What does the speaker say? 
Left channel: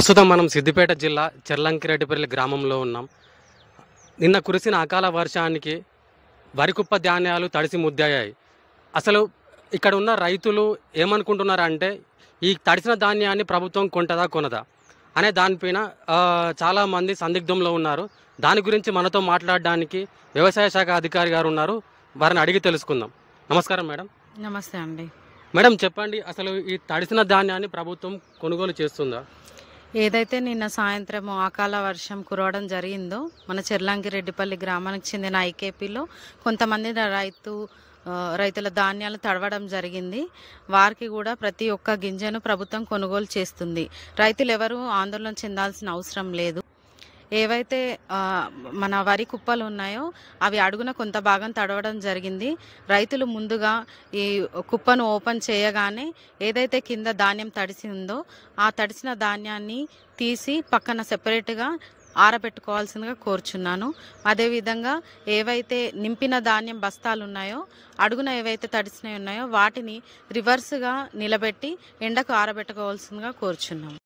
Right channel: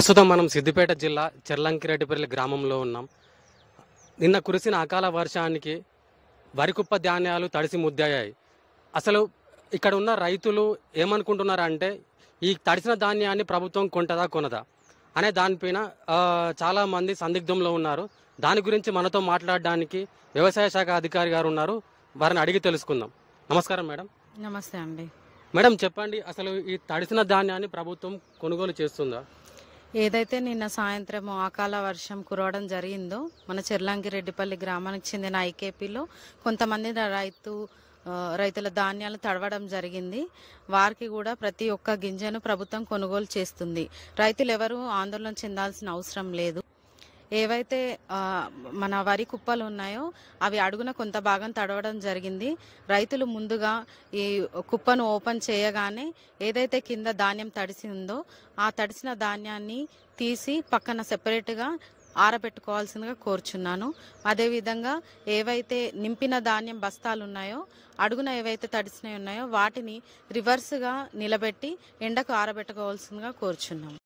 ప్రస్తుతం మనం సిద్దిపేట జిల్లా చెర్లంకిరెడ్డిపల్లి గ్రామంలో ఉన్నాం. నిన్న కురిసిన అకాల వర్షానికి వరి కుప్ప ధాన్యాలు తడిసి ముద్దయ్యాయి. అసలు ఇక్కడ ఉన్న రైతులు ఏమనుకుంటున్నారంటే ఈ తడిసిన ధాన్యాన్ని ప్రభుత్వం కొంటదా కొనదా అనే దానిపైన చాలామంది సందిగ్ధంలో ఉన్నారు. దాని గురించి మనతో మాట్లాడడానికి వ్యవసాయ శాఖ అధికారి గారు ఉన్నారు. వారిని అడిగి తెలుసుకుందాం. నమస్కారం మేడం. నమస్తే అండి. మేడం చెప్పండి, అసలు ఈ తడిసిన ధాన్యాన్ని ప్రభుత్వం కొనుగోలు చేస్తుందా? ఏదైతే నిన్న సాయంత్రం అకాల వర్షం కురవడం జరిగిందో మన చెర్లంకిరెడ్డిపల్లి గ్రామానికి చెందిన ఐకేపీలో కొంతమంది రైతుల ధాన్యాలు తడవడం జరిగింది. వారికి కూడా ప్రతి ఒక్క గింజను ప్రభుత్వం కొనుగోలు చేస్తుంది. రైతులు ఎవరు ఆందోళన చెందాల్సిన అవసరం లేదు. ఏవైతే మన వరి కుప్పలు ఉన్నాయో అవి అడుగున కొంత భాగం తడవడం జరిగింది. రైతులు ముందుగా ఈ కుప్పను ఓపెన్ చేయగానే ఏదైతే కింద ధాన్యం తడిసి ఉందో ఆ తడిసిన ధాన్యాన్ని తీసి పక్కన సెపరేట్గా ఆరబెట్టుకోవాల్సిందిగా కోరుచున్నాను. అదేవిధంగా ఏవైతే నింపిన ధాన్యం బస్తాలు ఉన్నాయో అడుగున ఏవైతే తడిసినవి ఉన్నాయో వాటిని రివర్స్గా నిలబెట్టి ఎండకు ఆరబెట్టుకోవాల్సిందిగా కోరుచున్నాము.